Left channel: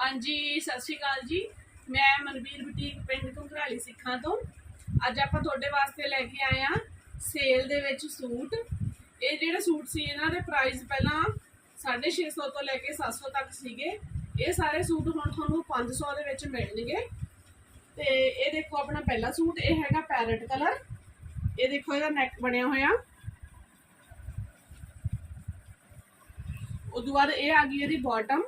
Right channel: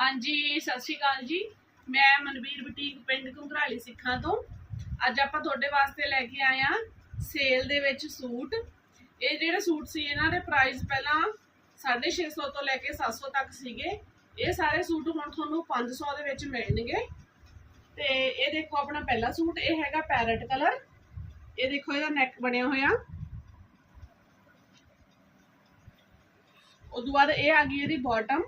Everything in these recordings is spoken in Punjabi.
ਹਾਂਜੀ, ਸਤਿ ਸ਼੍ਰੀ ਅਕਾਲ ਜੀ। ਮੈਂ ਮਨਵੀਰ ਬੁਟੀਕ ਪਿੰਡ ਘੁੰਗਰਾਲੀ ਸਿੱਖਾਂ ਤੋਂ। ਅੱਜ ਆਪਾਂ ਤੁਹਾਡੇ ਵਾਸਤੇ ਲੈ ਕੇ ਆਏ ਆ ਸੇਲ ਦੇ ਵਿੱਚ ਸੂਟ। ਇਹ ਜਿਹੜੇ ਸੂਟ ਸੀ, ਇਹਨਾਂ ਦੇ ਪ੍ਰਾਈਸ ਪਹਿਲਾਂ 650 ਤੋਂ ਲੈ ਕੇ 700 ਤੱਕ ਸੀਗੇ। ਇਹ ਸਾਰੇ ਸੂਟ ਹੁਣ ਤੁਹਾਨੂੰ 500 ਦੇ ਵਿੱਚ ਮਿਲਣਗੇ। ਤੇ ਇਹ ਦੇਖੋ ਆਪਣਾ ਪਹਿਲਾ ਸੂਟ, ਇਹ ਹੈਗਾ ਪੈਰਟ ਕਲਰ ਇਹ ਦੇਖੋ ਇਹਦਾ ਨੈਕ ਬਣਿਆ ਹੋਇਆ। ਉਦੋਂ ਬਾਅਦ ਇਹ ਆ ਗਈ ਇਹਦੀ ਬਾਟਮ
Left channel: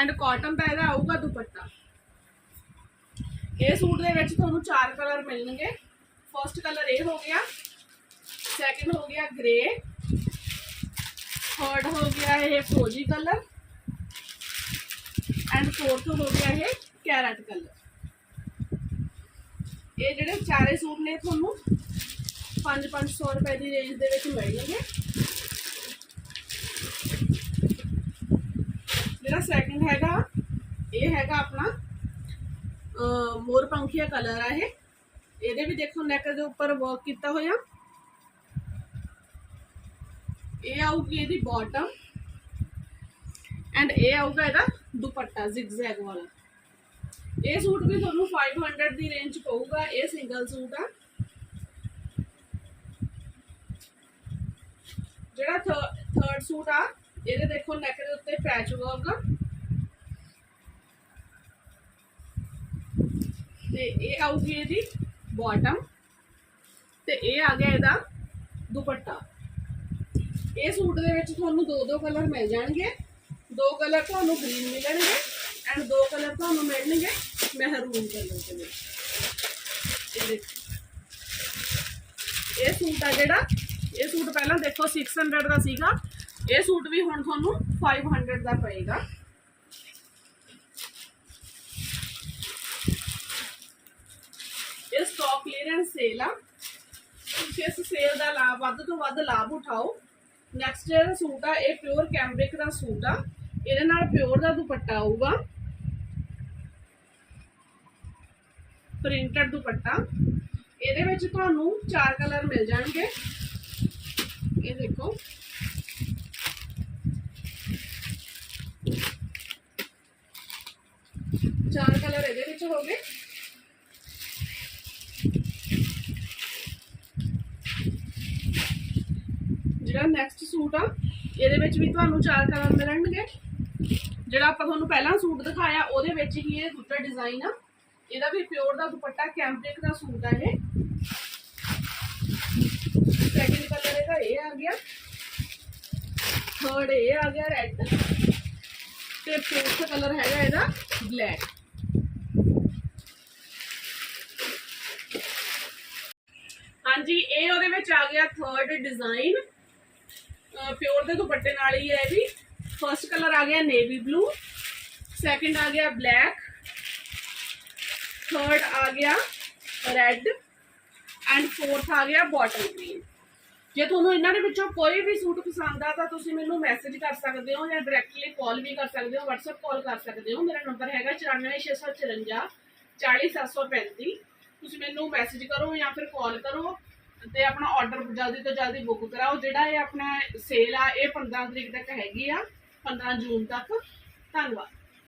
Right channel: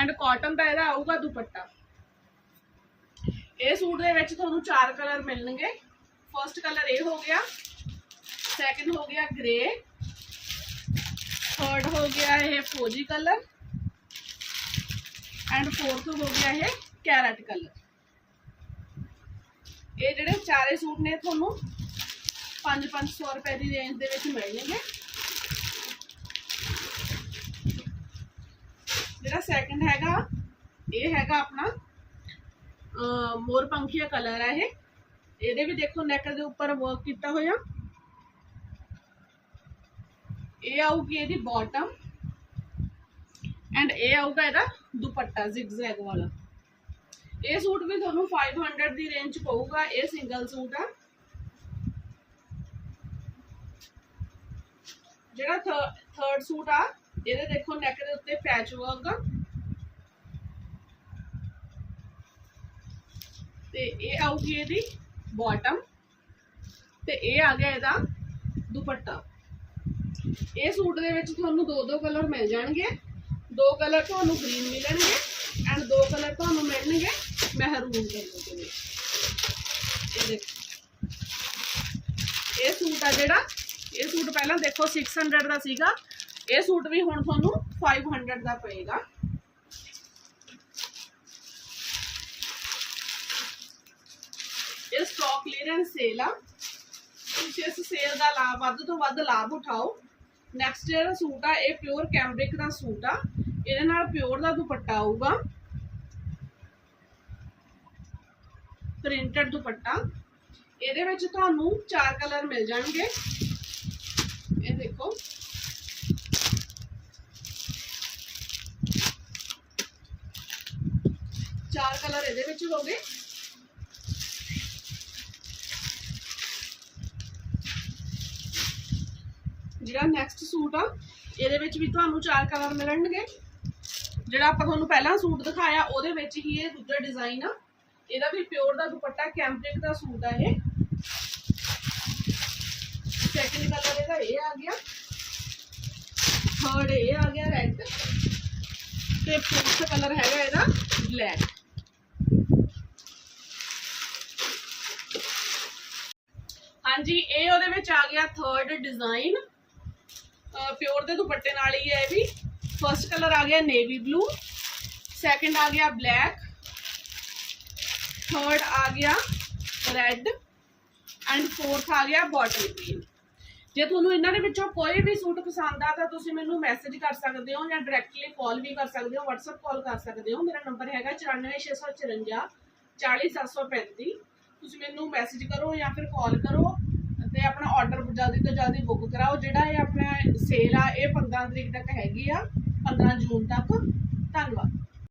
ਐਂਡ ਕਾਟਨ ਦਾ ਇਹਦਾ ਆਊਗਾ ਦੁਪੱਟਾ। ਇਹ ਸੂਟ ਦੇ ਵਿੱਚ ਤੁਹਾਨੂੰ ਚਾਰ ਕਲਰ ਮਿਲਣਗੇ। ਫਰਸਟ ਕਲਰ ਇਹ ਹੋ ਗਿਆ। ਸੈਕੰਡ ਹੋ ਗਿਆ ਗ੍ਰੇ ਥਰਡ ਹੋ ਗਿਆ ਇਹ ਫਰੋਜੀ ਕਲਰ ਐਂਡ ਫੋਰਥ ਹੋ ਗਿਆ ਇਹ ਕੈਰਟ ਕਲਰ ਇਹ ਜਿਹੜੇ ਚਾਰੇ ਸੂਟ ਨੇ, ਤੁਹਾਨੂੰ 5-500 ਰੁਪਏ ਦੀ ਰੇਂਜ ਦੇ ਵਿੱਚ ਮਿਲਣਗੇ। ਜਿਹੜਾ ਸੈਕਿੰਡ ਹੈਗਾ, ਇਹ ਹੈਗਾ ਆਪਣਾ, ਅਹ, ਮੋਰ ਪੰਖੀਆ ਕਲਰ ਹੈ ਇਹ। ਇਹਦੇ ਵੀ ਦੇਖੋ ਨੈਕ ਦੇ ਉੱਪਰ ਵਰਕ ਕੀਤਾ ਹੋਇਆ। ਇਹ ਆਊਗੀ ਇਹਦੀ ਬਾਟਮ ਐਂਡ ਇਹ ਆਊਗਾ ਇਹਦਾ ਦੁਪੱਟਾ ਜ਼ਿਗਜ਼ੈਗ ਵਾਲਾ। ਇਹ ਸੂਟ ਵੀ ਤੁਹਾਨੂੰ 500 ਦੀ ਰੇਂਜ ਚ ਪਊਗਾ, ਇਹ ਸਿੰਗਲ ਸੂਟ ਆ। ਜਿਹੜਾ ਥਰਡ ਸੂਟ ਆ, ਇਹਦੇ ਦੇਖੋ ਨੈਕ ਦੇ ਉੱਤੇ ਪੈਚ ਵਰਕ ਤੇ ਇਹ ਆਊਗੀ ਇਹਦੀ ਬਾਟਮ ਤੇ ਇਹ ਆ ਗਿਆ ਇਹਦਾ ਦੁਪੱਟਾ। ਇਹ ਸੂਟ ਦੇ ਵਿੱਚ ਤੁਹਾਨੂੰ ਦੋ ਦੋ ਕਲਰ ਮਿਲ ਜਾਣਗੇ। ਦੋ ਕਲਰ ਤੁਹਾਨੂੰ ਗ੍ਰੀਨ ਮਿਲਣਗੇ ਐਂਡ ਦੋ ਕਲਰ ਤੁਹਾਨੂੰ ਮਿਲਣਗੇ ਮਹਿਰੂਨ ਕਲਰ ਦੇ ਵਿੱਚ। ਇਹ ਇਹ ਸੂਟ ਆ ਜਿਹੜਾ, ਇਹ ਸੂਟ ਪਹਿਲਾਂ ਦੇਖੋ 600 ਦਾ ਸੀਗਾ। ਇਹ ਸੂਟ ਵੀ ਹੁਣ ਤੁਹਾਨੂੰ 500 ਦਾ ਪਏਗਾ। ਇਹ ਸਟਾਕ ਕਲੀਅਰੈਂਸ ਸੇਲ ਆ। ਤੁਸੀਂ ਇਸ ਸੇਲ ਦਾ ਲਾਭ ਵੱਧ ਤੋਂ ਵੱਧ ਲਾਭ ਉਠਾਓ। ਨੈਕਸਟ ਜਿਹੜਾ ਸੂਟ ਆ, ਇਹ ਪਿਓਰ ਕੈਂਬਰਿਕ ਦਾ ਸੂਟ ਆ। ਇਹਦੇ ਨਾਲ ਪਿਓਰ ਦਾ ਦੁਪੱਟਾ ਆਊਗਾ। ਪ੍ਰਿੰਟਡ ਦੁਪੱਟਾ। ਇਹਦੇ ਵਿੱਚ ਤੁਹਾਨੂੰ ਚਾਰ ਕਲਰ ਮਿਲ ਜਾਣਗੇ। ਇਹ ਦੇਖੋ। ਚਾਰ ਕਲਰ ਇਹਦੇ ਵਿੱਚ ਹੋਗੇ ਜਿਹੜਾ ਨੈਕਸਟ ਸੂਟ ਆ। ਇਹਦੇ ਵਿੱਚ ਵੀ ਤੁਹਾਨੂੰ ਚਾਰ ਕਲਰ ਮਿਲਣਗੇ। ਜਿਹੜਾ ਆਪਾਂ ਤੁਹਾਨੂੰ ਪਹਿਲਾਂ ਸੂਟ ਦਿਖਾਇਆ, ਉਹਦੇ ਵਿੱਚ ਹੀ ਇਹ ਦੂਜਾ ਡਿਜ਼ਾਈਨ ਆ। ਇਹਦਾ ਵੀ ਪਿਓਰ ਦਾ ਦੁਪੱਟਾ ਕੈਂਪਰਿਕ ਦਾ ਸੂਟ ਆ ਇਹ। ਸੈਕਿੰਡ ਕਲਰ ਇਹਦਾ ਇਹ ਆ ਗਿਆ। ਥਰਡ ਇਹ ਆ ਗਿਆ ਰੈੱਡ ਤੇ ਫੋਰਥ ਕਲਰ ਹੈਗਾ ਇਹਦਾ ਬਲੈਕ ਹਾਂਜੀ, ਇਹ ਉਹਦੇ ਵਿੱਚ ਆ ਗਿਆ ਥਰਡ ਡਿਜ਼ਾਈਨ ਪਿਓਰ ਦੇ ਦੁਪੱਟੇ ਨਾਲ ਹੀ ਹੈ ਇਹ ਵੀ। ਫਰਸਟ ਕਲਰ ਆ ਗਿਆ ਨੇਵੀ ਬਲੂ ਸੈਕਿੰਡ ਆ ਗਿਆ ਬਲੈਕ ਥਰਡ ਆ ਗਿਆ ਰੈੱਡ ਐਂਡ ਫੋਰਥ ਆ ਗਿਆ ਬਾਟਲ ਗ੍ਰੀਨ ਜੇ ਤੁਹਾਨੂੰ ਇਹਨਾਂ ਦੇ ਵਿੱਚੋਂ ਕੋਈ ਵੀ ਸੂਟ ਪਸੰਦ ਆ, ਤਾਂ ਤੁਸੀਂ ਮੈਨੂੰ ਮੈਸੇਜ ਕਰ ਸਕਦੇ ਹੋ ਜਾਂ ਡਾਇਰੈਕਟਲੀ ਕਾਲ ਵੀ ਕਰ ਸਕਦੇ ਹੋ, WhatsApp ਕਾਲ ਕਰ ਸਕਦੇ ਹੋ। ਮੇਰਾ ਨੰਬਰ ਹੈਗਾ 94654 40735 ਤੁਸੀਂ ਮੈਨੂੰ ਮੈਸੇਜ ਕਰੋ ਜਾਂ ਫਿਰ ਕਾਲ ਕਰੋ। ਤੇ ਆਪਣਾ ਆਰਡਰ ਜਲਦੀ ਤੋਂ ਜਲਦੀ ਬੁੱਕ ਕਰਾਓ, ਜਿਹੜਾ ਇਹ ਆਪਣਾ ਸੇਲ ਆ, ਇਹ 15 ਤਰੀਕ ਤੱਕ ਹੈਗੀ ਆ 15 ਜੂਨ ਤੱਕ। ਧੰਨਵਾਦ।